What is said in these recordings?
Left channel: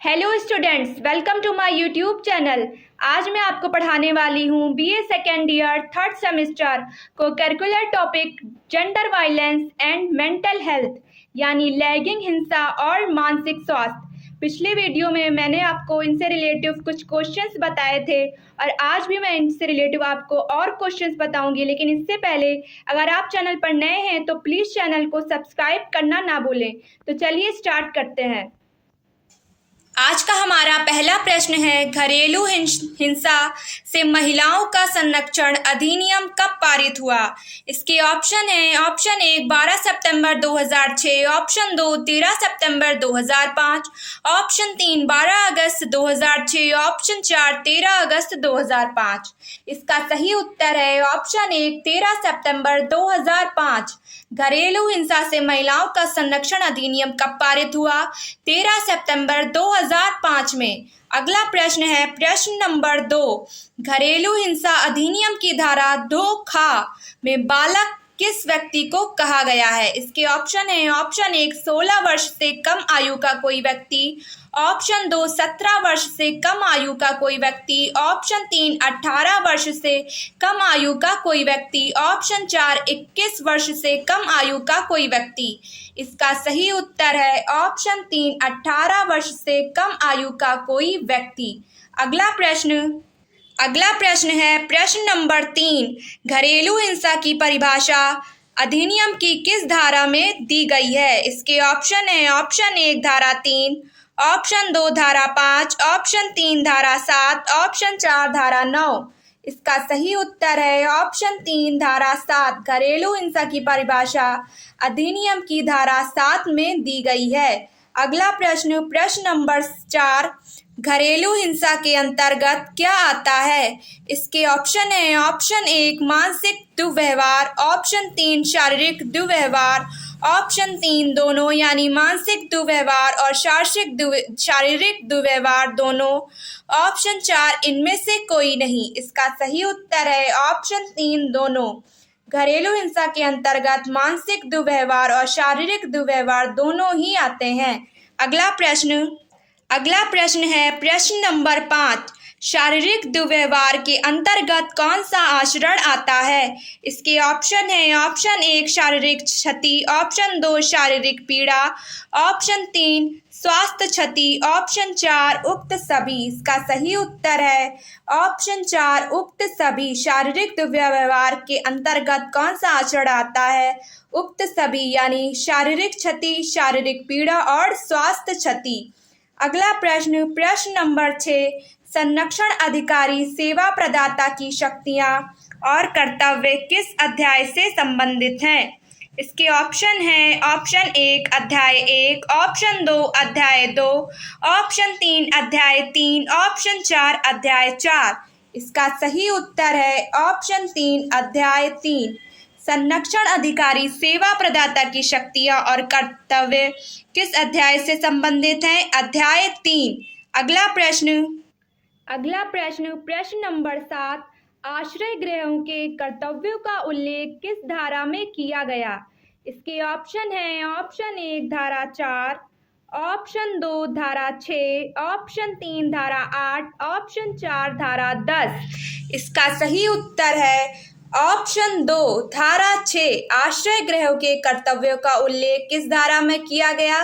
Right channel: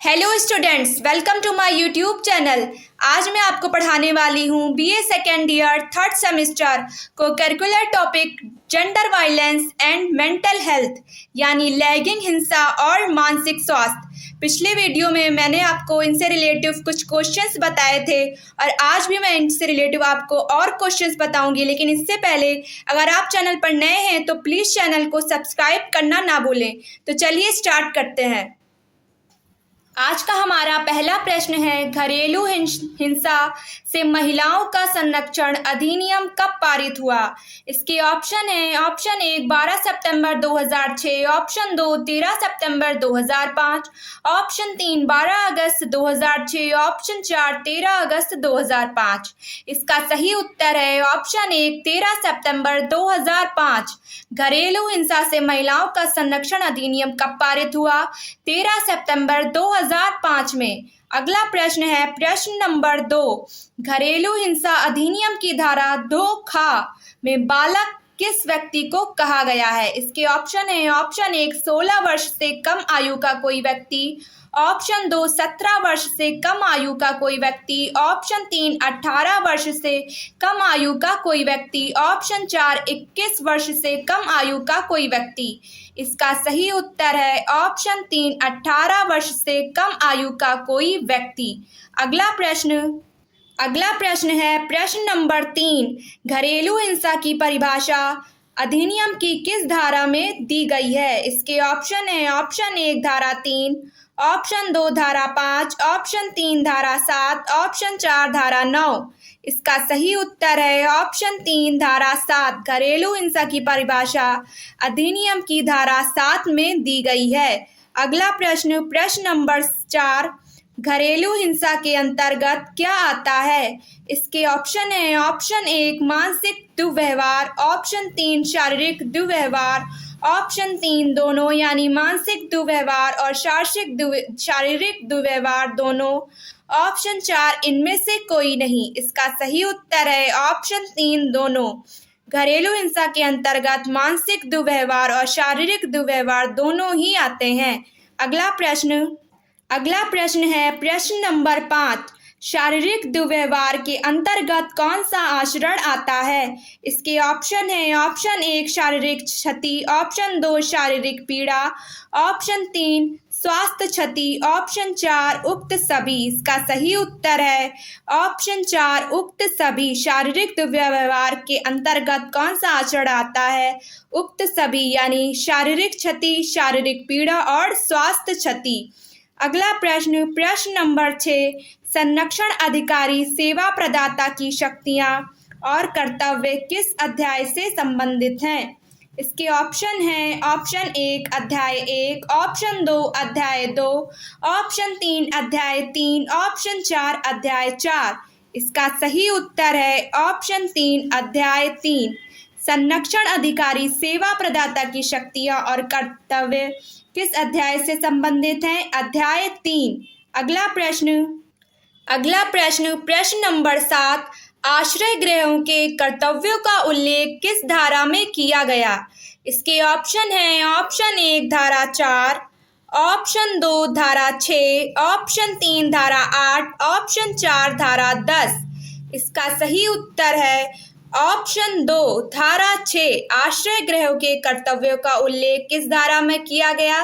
Hello students, welcome to my YouTube channel. आज मैं आपको पढ़ाने वाली हूँ BA second year third semester co-curricular topic gender violence and mental health यानी लैंगिक हिंसा और मानसिक स्वास्थ्य। पिछले वीडियो में मैंने आपको इनसे रिलेटिव कुछ क्वेश्चंस बताए थे और आज भी मैं इनसे रिलेटिव आपको और क्वेश्चंस बताऊंगी। लेकिन इससे पहले अगर आप चैनल पर नए हैं तो प्लीज़ चैनल को सब्सक्राइब करना ना भूलें। तो चलिए स्टार्ट करते हैं। आज का हमारा पहला प्रश्न है, घरेलू हिंसा से महिलाओं का संरक्षण अधिनियम कब पारित हुआ? इसके ऑप्शन है, ऑप्शन 1 12 सितंबर 2006, ऑप्शन 2 13 सितंबर 2005, ऑप्शन 3 12 अगस्त 2006, ऑप्शन 4 13 अगस्त 2005। इसका सही उत्तर है ऑप्शन 1 13 सितंबर 2005। घरेलू हिंसा से महिलाओं का संरक्षण अधिनियम कब पारित हुआ? 13 सितंबर 2005 में। अगला प्रश्न है, प्रश्न नंबर 2, घरेलू हिंसा अधिनियम की धारा 2 में बालक किस व्यक्ति को कहा गया है? इसके ऑप्शन है, ऑप्शन 1 16 वर्ष से कम आयु का कोई व्यक्ति, ऑप्शन 2 17 वर्ष से कम आयु का कोई व्यक्ति, ऑप्शन 3 18 वर्ष से कम आयु का कोई व्यक्ति, ऑप्शन 4 21 वर्ष से कम आयु का कोई व्यक्ति। इसका सही उत्तर है ऑप्शन 3 18 वर्ष से कम आयु का कोई व्यक्ति। अगला प्रश्न है, प्रश्न नंबर 3, घरेलू हिंसा की परिभाषा अधिनियम की किस धारा में दी गई है? इसके ऑप्शन है, ऑप्शन 1 धारा 3, ऑप्शन 2 धारा 5, ऑप्शन 3 धारा 7, ऑप्शन 4 धारा 9। इसका सही उत्तर है ऑप्शन 3 धारा 7। घरेलू हिंसा की परिभाषा अधिनियम की धारा 7 में दी गई है। अगला प्रश्न, प्रश्न नंबर 4, घरेलू हिंसा के अंतर्गत क्या आता है? इसके ऑप्शन है, ऑप्शन 1 मानसिक दुर्व्यवहार, ऑप्शन 3 शारीरिक दुर्व्यवहार, ऑप्शन 3 दोनों यानी मानसिक दुर्व्यवहार और शारीरिक दुर्व्यवहार दोनों, ऑप्शन 4 इनमें से कोई नहीं। इसका सही उत्तर है ऑप्शन 3 दोनों। घरेलू हिंसा के अंतर्गत मानसिक दुर्व्यवहार और शारीरिक दुर्व्यवहार दोनों ही आते हैं। अगला प्रश्न है, प्रश्न नंबर 5, शारीरिक दुर्व्यवहार के अंतर्गत कौन सा आचरण आता है? इसके ऑप्शन है, ऑप्शन 1 शारीरिक क्षति, ऑप्शन 2 शारीरिक पीड़ा, ऑप्शन 3 स्वास्थ्य क्षति, ऑप्शन 4 उक्त सभी। इसका सही उत्तर है ऑप्शन 4 उक्त सभी। शारीरिक दुर्व्यवहार के अंतर्गत कौन सा आचरण आता है? उक्त सभी यानी शारीरिक क्षति, शारीरिक पीड़ा और स्वास्थ्य क्षति। अगला प्रश्न, प्रश्न नंबर 6, संरक्षण अधिकारी सेवा प्रदाता की शक्तियां और कर्तव्य किस अध्याय से संबंधित हैं? इसके ऑप्शन हैं, ऑप्शन 1 अध्याय 1, ऑप्शन 2 अध्याय 2, ऑप्शन 3 अध्याय 3, ऑप्शन 4 अध्याय 4। इसका सही उत्तर है ऑप्शन 3 अध्याय 3। संरक्षण अधिकारी सेवा प्रदाता की शक्तियां और कर्तव्य किस अध्याय से संबंधित हैं? अध्याय 3। अगला प्रश्न, प्रश्न नंबर 7, आश्रय गृहों के कर्तव्यों का उल्लेख किस धारा में किया गया? इसके ऑप्शन हैं, ऑप्शन 1 धारा 4, ऑप्शन 2 धारा 6, ऑप्शन 3 धारा 8, ऑप्शन 4 धारा 10। इसका सही उत्तर है ऑप्शन 2 धारा 6। आश्रय गृहों के कर्तव्यों का उल्लेख किस धारा में किया गया?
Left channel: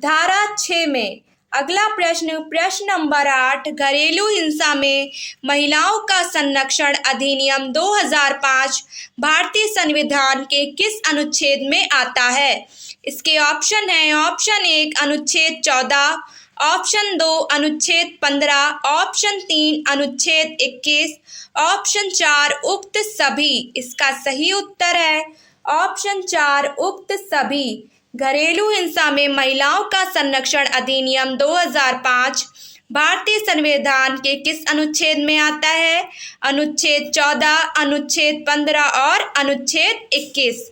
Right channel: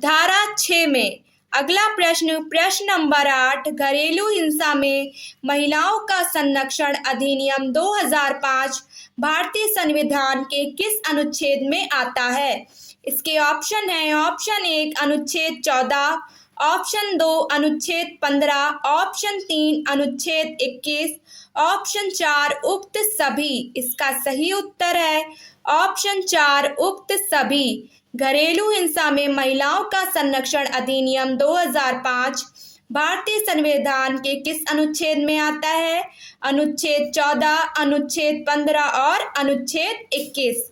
धारा 6 में। अगला प्रश्न, प्रश्न नंबर 8, घरेलू हिंसा में महिलाओं का संरक्षण अधिनियम 2005 भारतीय संविधान के किस अनुच्छेद में आता है? इसके ऑप्शन है, ऑप्शन 1 अनुच्छेद 14, ऑप्शन 2 अनुच्छेद 15, ऑप्शन 3 अनुच्छेद 21, ऑप्शन 4 उक्त सभी। इसका सही उत्तर है ऑप्शन 4 उक्त सभी। घरेलू हिंसा में महिलाओं का संरक्षण अधिनियम 2005 भारतीय संविधान के किस अनुच्छेद में आता है? अनुच्छेद 14, अनुच्छेद 15 और अनुच्छेद 21।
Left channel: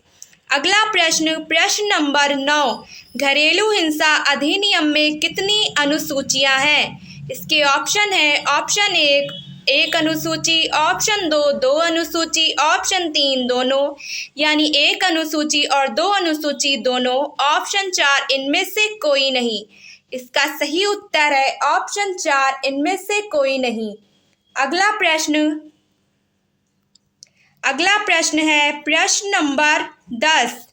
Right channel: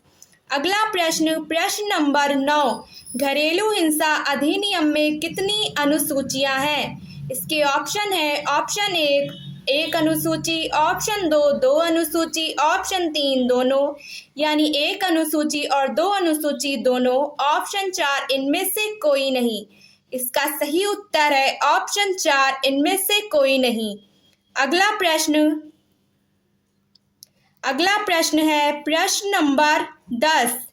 अगला प्रश्न, प्रश्न नंबर 9, घरेलू हिंसा अधिनियम में कितनी अनुसूचियां हैं? इसके ऑप्शन है, ऑप्शन 1 अनुसूची, ऑप्शन 2 अनुसूची, ऑप्शन 3 दोनों यानी 1 अनुसूची और 2 अनुसूची दोनों, ऑप्शन 4 इनमें से कोई नहीं। इसका सही उत्तर है ऑप्शन 4, इनमें से कोई नहीं। अगला प्रश्न है प्रश्न नंबर 10।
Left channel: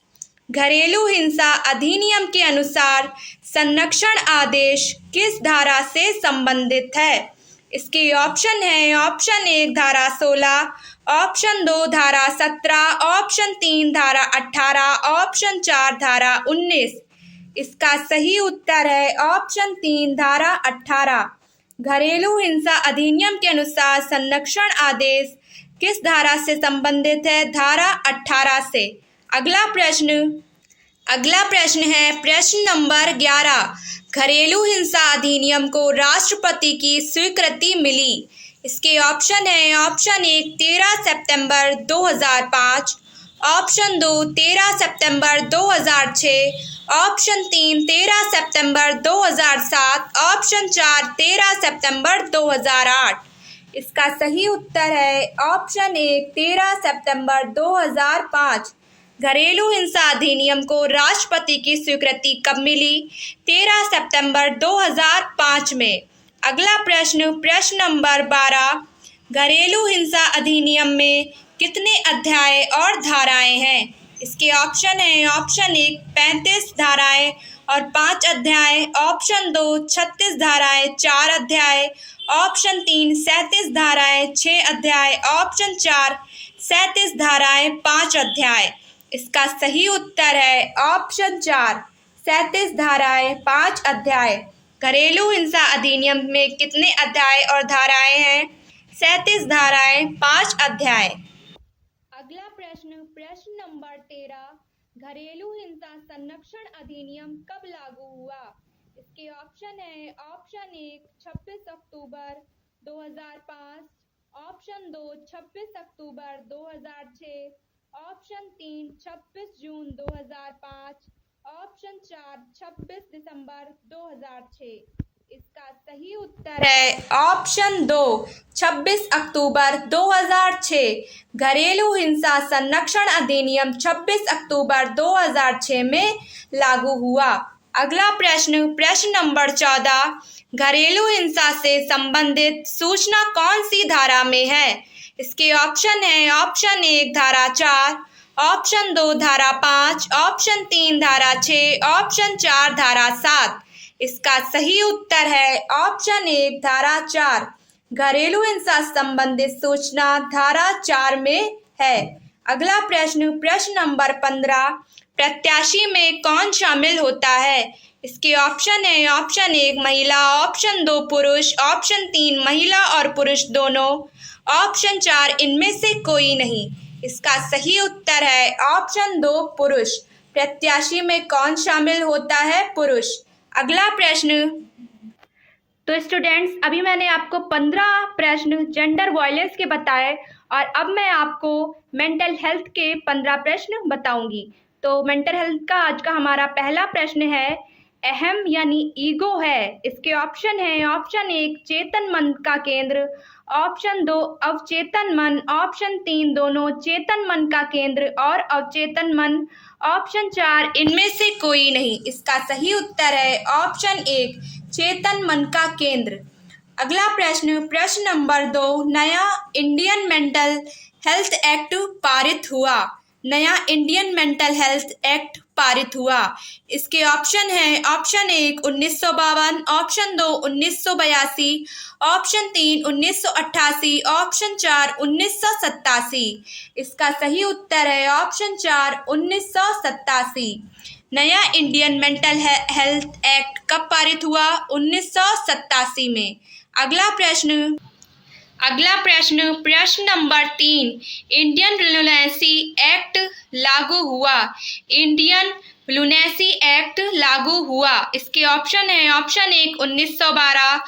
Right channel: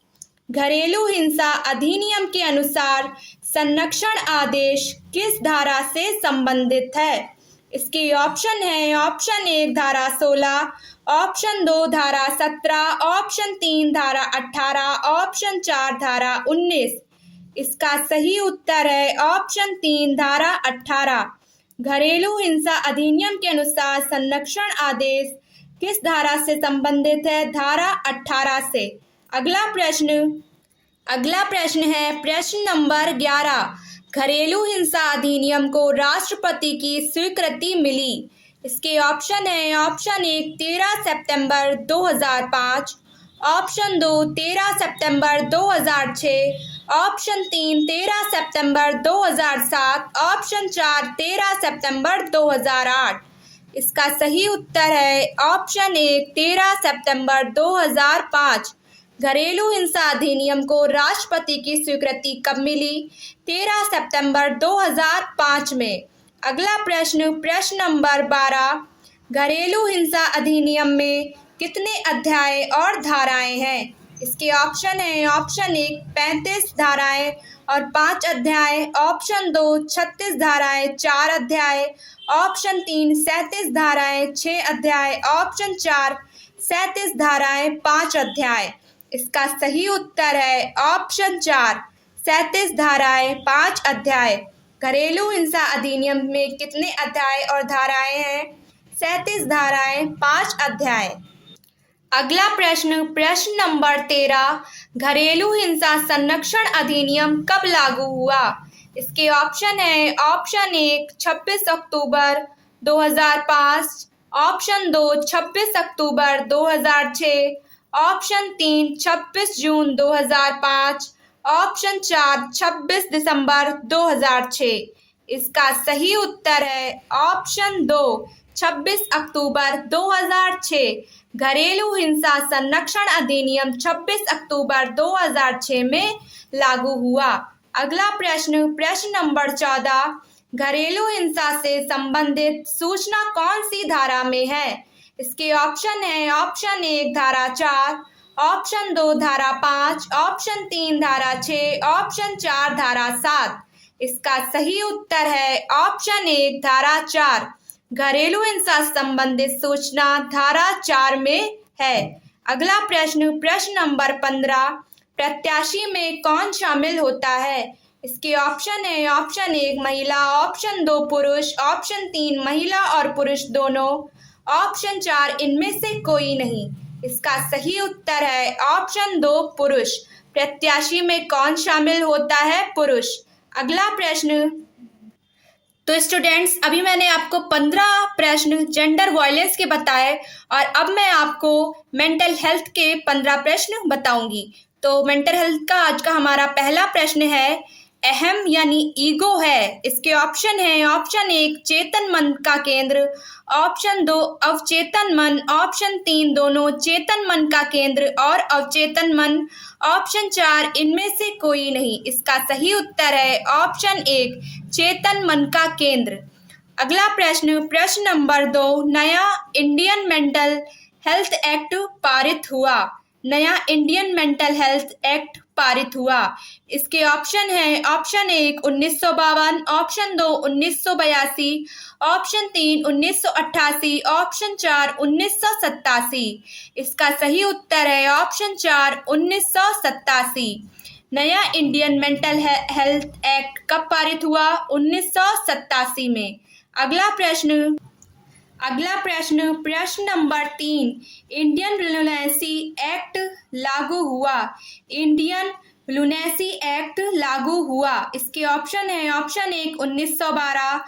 घरेलू हिंसा अधिनियम के अनुसार संरक्षण आदेश किस धारा से संबंधित है? इसके ऑप्शन है ऑप्शन 1 धारा 16, ऑप्शन 2 धारा 17, ऑप्शन 3 धारा 18, ऑप्शन 4 धारा 19। इसका सही उत्तर है ऑप्शन 3 धारा 18। घरेलू हिंसा अधिनियम के अनुसार संरक्षण आदेश किस धारा से संबंधित है? धारा 18 से। अगला प्रश्न है प्रश्न नंबर 11। घरेलू हिंसा अधिनियम को राष्ट्रपति की स्वीकृति मिली। इसके ऑप्शन है ऑप्शन 1 13 सितंबर 2005, ऑप्शन 2 13 सितंबर 2006, ऑप्शन 3 13 सितंबर 2007, ऑप्शन 4 13 सितंबर 2008। इसका सही उत्तर है ऑप्शन 1 13 सितंबर 2005। घरेलू हिंसा अधिनियम को राष्ट्रपति की स्वीकृति कब मिली? 13 सितंबर 2005 में। अगला प्रश्न नंबर 12। घरेलू हिंसा अधिनियम में कितने अध्याय और धाराएं हैं? इसके ऑप्शन है ऑप्शन 1 35 धाराएं और 5 अध्याय, ऑप्शन 2 36 धाराएं 4 अध्याय, ऑप्शन 3 37 धाराएं 6 अध्याय, ऑप्शन 4 37 धाराएं 5 अध्याय। इसका सही उत्तर है ऑप्शन 4 37 धाराएं 5 अध्याय। घरेलू हिंसा अधिनियम में कितने अध्याय और धाराएं हैं? 37 धाराएं 5 अध्याय। अगला प्रश्न नंबर 13। घरेलू हिंसा संरक्षण अधिनियम कब लागू हुआ? इसके ऑप्शन है ऑप्शन 1 26 अक्टूबर 2005, ऑप्शन 2 26 अक्टूबर 2006, ऑप्शन 3 26 जून 2005, ऑप्शन 4 26 दिसंबर 2006। इसका सही उत्तर है ऑप्शन 2 26 अक्टूबर 2006। घरेलू हिंसा संरक्षण अधिनियम 26 अक्टूबर 2006 में लागू हुआ। अगला प्रश्न नंबर 14। घरेलू हिंसा से संबंधित सूचना कौन सी धारा में है? इसके ऑप्शन है ऑप्शन 1 धारा 4, ऑप्शन 2 धारा 5, ऑप्शन 3 धारा 6, ऑप्शन 4 धारा 7। इसका सही उत्तर है ऑप्शन 1 धारा 4। घरेलू हिंसा संबंधित सूचना धारा 4 में है। अगला प्रश्न नंबर 15। प्रत्याशी में कौन शामिल होता है? इसके ऑप्शन है ऑप्शन 1 महिला, ऑप्शन 2 पुरुष, ऑप्शन 3 महिला और पुरुष दोनों, ऑप्शन 4 इनमें से कोई नहीं। इसका सही उत्तर है ऑप्शन 2 पुरुष। प्रत्याशी में कौन शामिल होता है? पुरुष। अगला प्रश्न। तो स्टूडेंट्स, अभी मैंने आपको 15 प्रश्न जेंडर वायलेंस के बताए और अब मैं आपको मेंटल हेल्थ के 15 प्रश्न बताऊंगी। तो मेंटल हेल्थ का आज का हमारा पहला प्रश्न है अहम यानी ईगो है। इसके ऑप्शन है ऑप्शन 1 चेतन मन का केंद्र, ऑप्शन 2 अवचेतन मन, ऑप्शन 3 दोनों चेतन मन का केंद्र और अवचेतन मन, ऑप्शन 4 इनमें से कोई नहीं। इसका सही उत्तर है ऑप्शन 1 चेतन मन का केंद्र। अगला प्रश्न नंबर 2। नया इंडियन मेंटल हेल्थ एक्ट पारित हुआ। नया इंडियन मेंटल हेल्थ एक्ट पारित हुआ। इसके ऑप्शन है ऑप्शन 1 1952, ऑप्शन 2 1982, ऑप्शन 3 1988, ऑप्शन 4 1987। इसका सही उत्तर है ऑप्शन 4 1987। नया इंडियन मेंटल हेल्थ एक्ट कब पारित हुआ? 1987 में। अगला प्रश्न नंबर 3। इंडियन लुनेसी एक्ट लागू हुआ। इंडियन लुनेसी एक्ट लागू हुआ। इसके ऑप्शन है ऑप्शन 1 1912,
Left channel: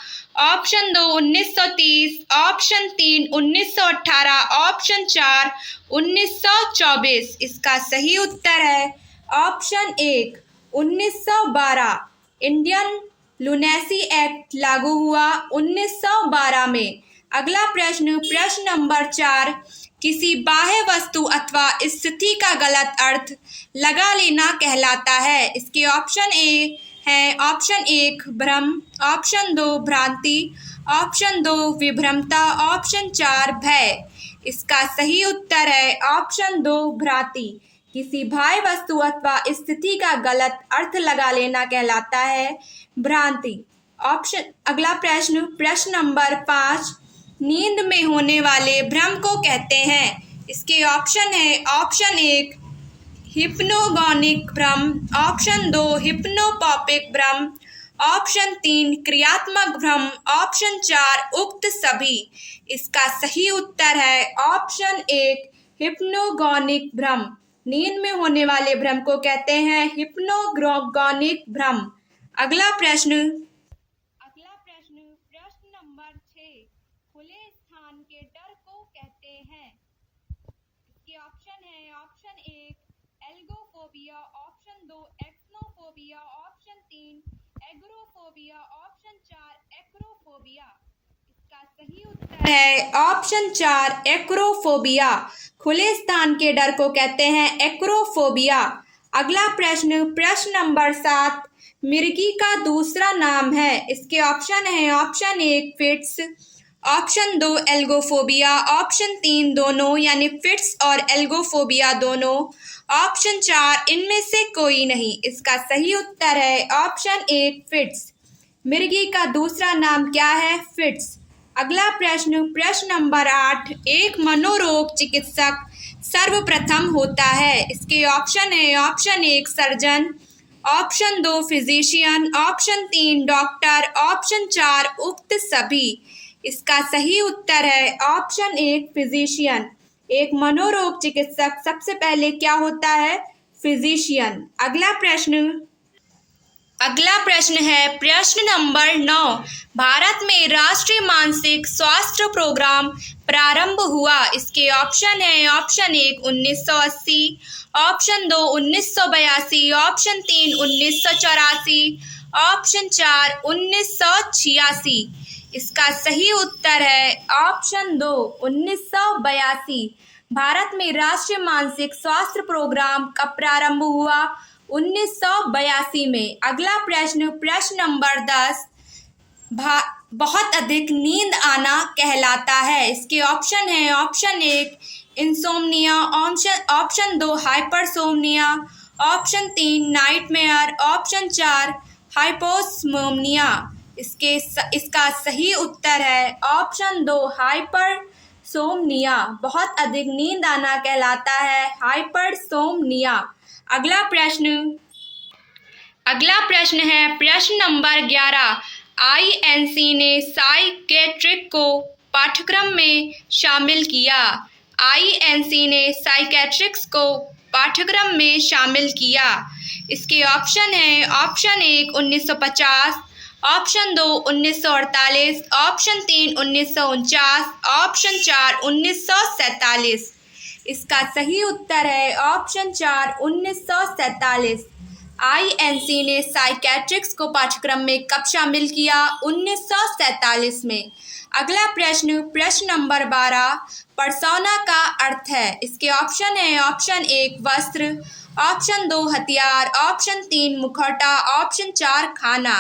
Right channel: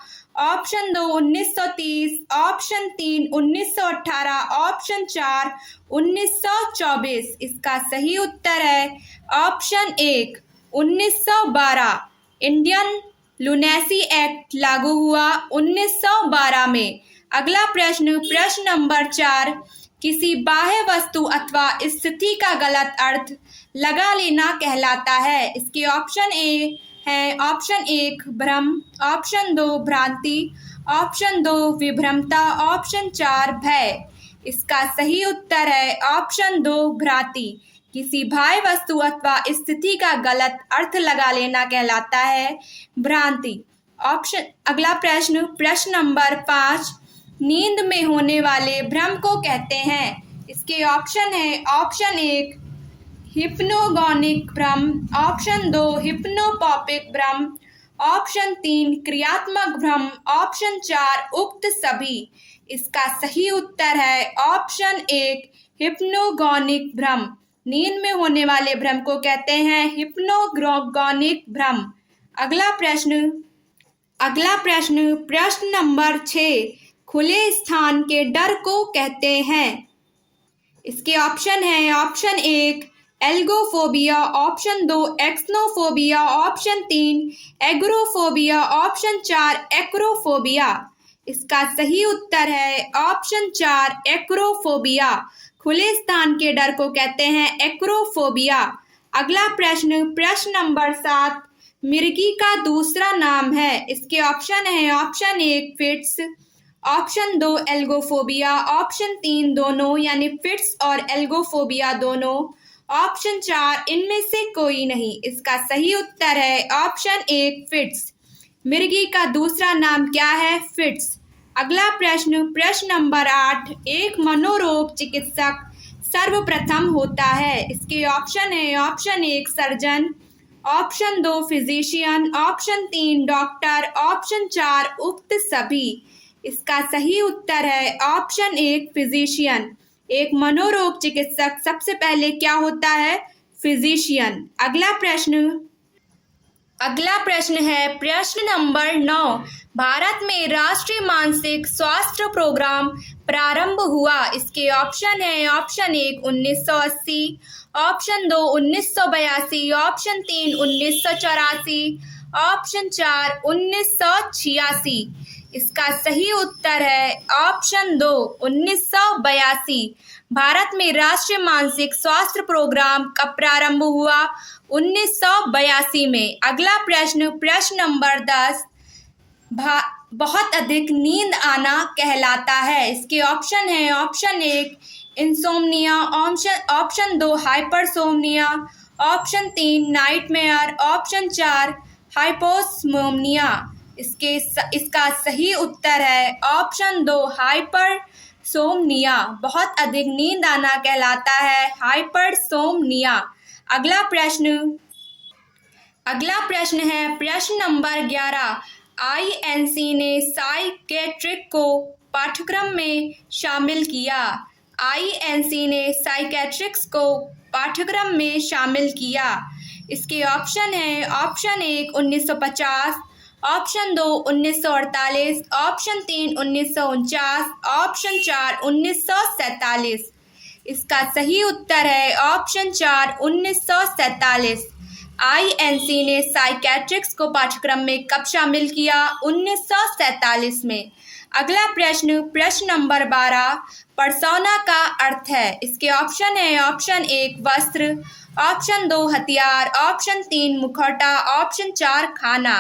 ऑप्शन 2 1930, ऑप्शन 3 1918, ऑप्शन 4 1924। इसका सही उत्तर है ऑप्शन 1 1912। इंडियन लुनेसी एक्ट लागू हुआ 1912 में। अगला प्रश्न नंबर 4। किसी बाह्य वस्तु अथवा स्थिति का गलत अर्थ लगा लेना कहलाता है। इसके ऑप्शन ए है ऑप्शन एक भ्रम, ऑप्शन दो भ्रांति, ऑप्शन दो विभ्रमता, ऑप्शन चार भय। इसका सही उत्तर है ऑप्शन दो भ्रांति। किसी बाह्य वस्तु अथवा स्थिति का गलत अर्थ लगा लेना कहलाता है भ्रांति। अगला प्रश्न, प्रश्न नंबर 5, नींद में होने वाले भ्रम को कहते हैं। इसके ऑप्शन है ऑप्शन एक हिप्नोगोनिक भ्रम, ऑप्शन दो हिप्नोपॉपिक भ्रम, ऑप्शन तीन क्रियात्मक भ्रम, ऑप्शन चार उक्त सभी। इसका सही उत्तर है ऑप्शन एक हिप्नोगोनिक भ्रम। नींद में होने वाले भ्रम को कहते हैं हिप्नोगोनिक भ्रम। अगला प्रश्न, प्रश्न नंबर 6, खुले स्थान के डर को कहते हैं। इसके ऑप्शन है ऑप्शन एक एल्गोफोबिया, ऑप्शन दो एक्सनोफोबिया, ऑप्शन तीन एग्रोफोबिया, ऑप्शन चार एक्रोफोबिया। इसका सही उत्तर है ऑप्शन चार एक्रोफोबिया। खुले स्थान के डर को कहते हैं एक्रोफोबिया। अगला प्रश्न, प्रश्न नंबर 7, मिर्गी का दूसरा नाम है। इसके ऑप्शन है ऑप्शन एक फिट्स, ऑप्शन दो एल्गोफोबिया, ऑप्शन तीन दोनों यानी फिट्स और एल्गोफोबिया दोनों, ऑप्शन चार इनमें से कोई नहीं। इसका सही उत्तर है ऑप्शन एक फिट्स। मिर्गी का दूसरा नाम क्या है? फिट्स। अगला प्रश्न, प्रश्न नंबर 8, एक मनोरोग चिकित्सक सर्वप्रथम होता है। इसके ऑप्शन है ऑप्शन एक सर्जन, ऑप्शन दो फिजिशियन, ऑप्शन तीन डॉक्टर, ऑप्शन चार उक्त सभी। इसका सही उत्तर है ऑप्शन एक फिजिशियन। एक मनोरोग चिकित्सक सबसे पहले क्या होता है? फिजिशियन। अगला प्रश्न है प्रश्न नंबर 9, भारत में राष्ट्रीय मानसिक स्वास्थ्य प्रोग्राम प्रारंभ हुआ। इसके ऑप्शन है ऑप्शन एक 1980, ऑप्शन दो 1982, ऑप्शन तीन 1984, ऑप्शन चार 1986। इसका सही उत्तर है ऑप्शन दो 1982। भारत में राष्ट्रीय मानसिक स्वास्थ्य प्रोग्राम कब प्रारंभ हुआ? 1982 में। अगला प्रश्न, प्रश्न नंबर 10, बहुत अधिक नींद आना कहलाता है। इसके ऑप्शन है ऑप्शन एक इंसोम्निया, ऑप्शन दो हाइपरसोम्निया, ऑप्शन तीन नाइटमेयर, ऑप्शन चार हाइपोसोम्निया। इसका सही उत्तर है ऑप्शन दो हाइपरसोम्निया। बहुत अधिक नींद आना कहलाता है हाइपरसोम्निया। अगला प्रश्न है प्रश्न नंबर 11, आईएनसी ने साइकेट्रिक को पाठ्यक्रम में शामिल किया। आईएनसी ने साइकेट्रिक्स को पाठ्यक्रम में शामिल किया। इसके ऑप्शन है ऑप्शन एक 1950, ऑप्शन दो 1948, ऑप्शन तीन 1949, ऑप्शन चार 1947। इसका सही उत्तर है ऑप्शन चार 1947। आईएनसी ने साइकेट्रिक्स को पाठ्यक्रम में कब शामिल किया? 1947 में। अगला प्रश्न, प्रश्न नंबर 12, पर्सोना का अर्थ है। इसके ऑप्शन है ऑप्शन एक वस्त्र, ऑप्शन दो हथियार, ऑप्शन तीन मुखौटा, ऑप्शन चार खाना।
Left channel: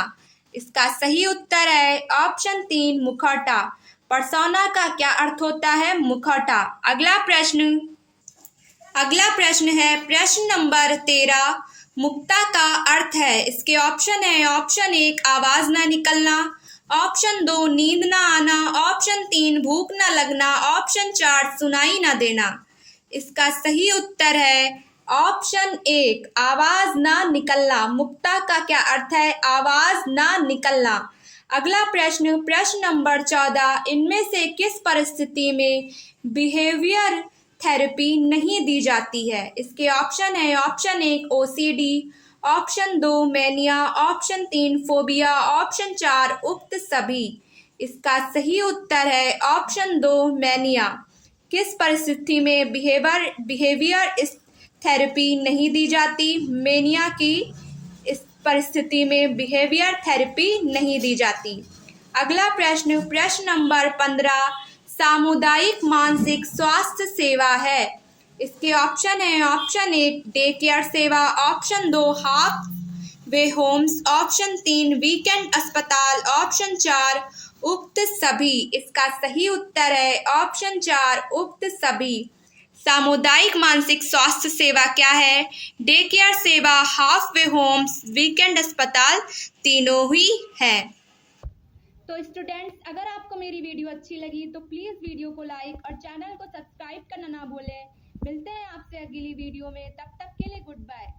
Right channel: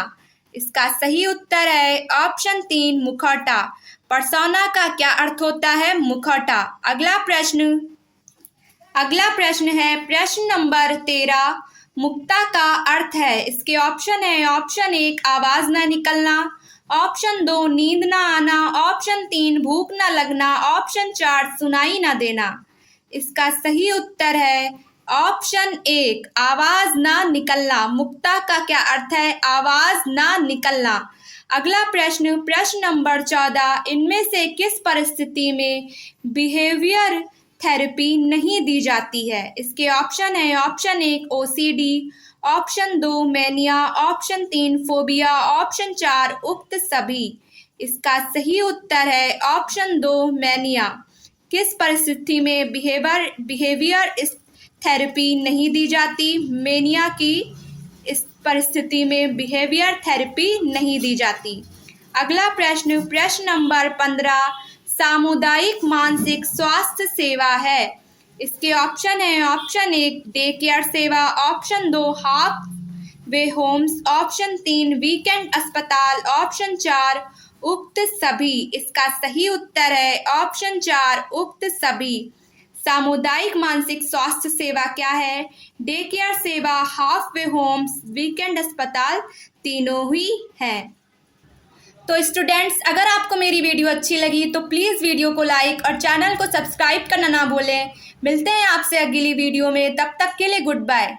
इसका सही उत्तर है ऑप्शन तीन मुखौटा। पर्सोना का क्या अर्थ होता है? मुखौटा। अगला प्रश्न है प्रश्न नंबर 13, मुक्ता का अर्थ है। इसके ऑप्शन है ऑप्शन एक आवाज न निकलना, ऑप्शन दो नींद न आना, ऑप्शन तीन भूख न लगना, ऑप्शन चार सुनाई न देना। इसका सही उत्तर है ऑप्शन एक आवाज ना निकलना। मुक्ता का क्या अर्थ है? आवाज ना निकलना। अगला प्रश्न, प्रश्न नंबर 14, इनमें से किस परिस्थिति में बिहेवियर थेरेपी नहीं दी जाती है? इसके ऑप्शन है ऑप्शन एक ओसीडी, ऑप्शन दो मेनिया, ऑप्शन तीन फोबिया, ऑप्शन चार उक्त सभी। इसका सही उत्तर है ऑप्शन दो मेनिया। किस परिस्थिति में बिहेवियर थेरेपी नहीं दी जाती? मेनिया की इस परिस्थिति में बिहेवियर थेरेपी नहीं दी जाती। अगला प्रश्न, प्रश्न नंबर 15, सामुदायिक मानसिक स्वास्थ्य सेवा है। इसके ऑप्शन है ऑप्शन एक डे केयर सेवा, ऑप्शन दो half way homes, option 3 weekend अस्पताल, ऑप्शन 4 उक्त सभी। इसका सही उत्तर है ऑप्शन 4 उक्त सभी। सामुदायिक मानसिक स्वास्थ्य सेवा क्या है? डे केयर सेवा, हाफ वे होम्स, वीकेंड अस्पताल, तीनों ही है। तो स्टूडेंट्स, अगर आपको मेरी वीडियो अच्छी लगी तो प्लीज़ वीडियो को लाइक और चैनल को सब्सक्राइब करना ना भूलें। मिलते हैं आपसे अगली वीडियो में, तब तक के लिए गुड बाय।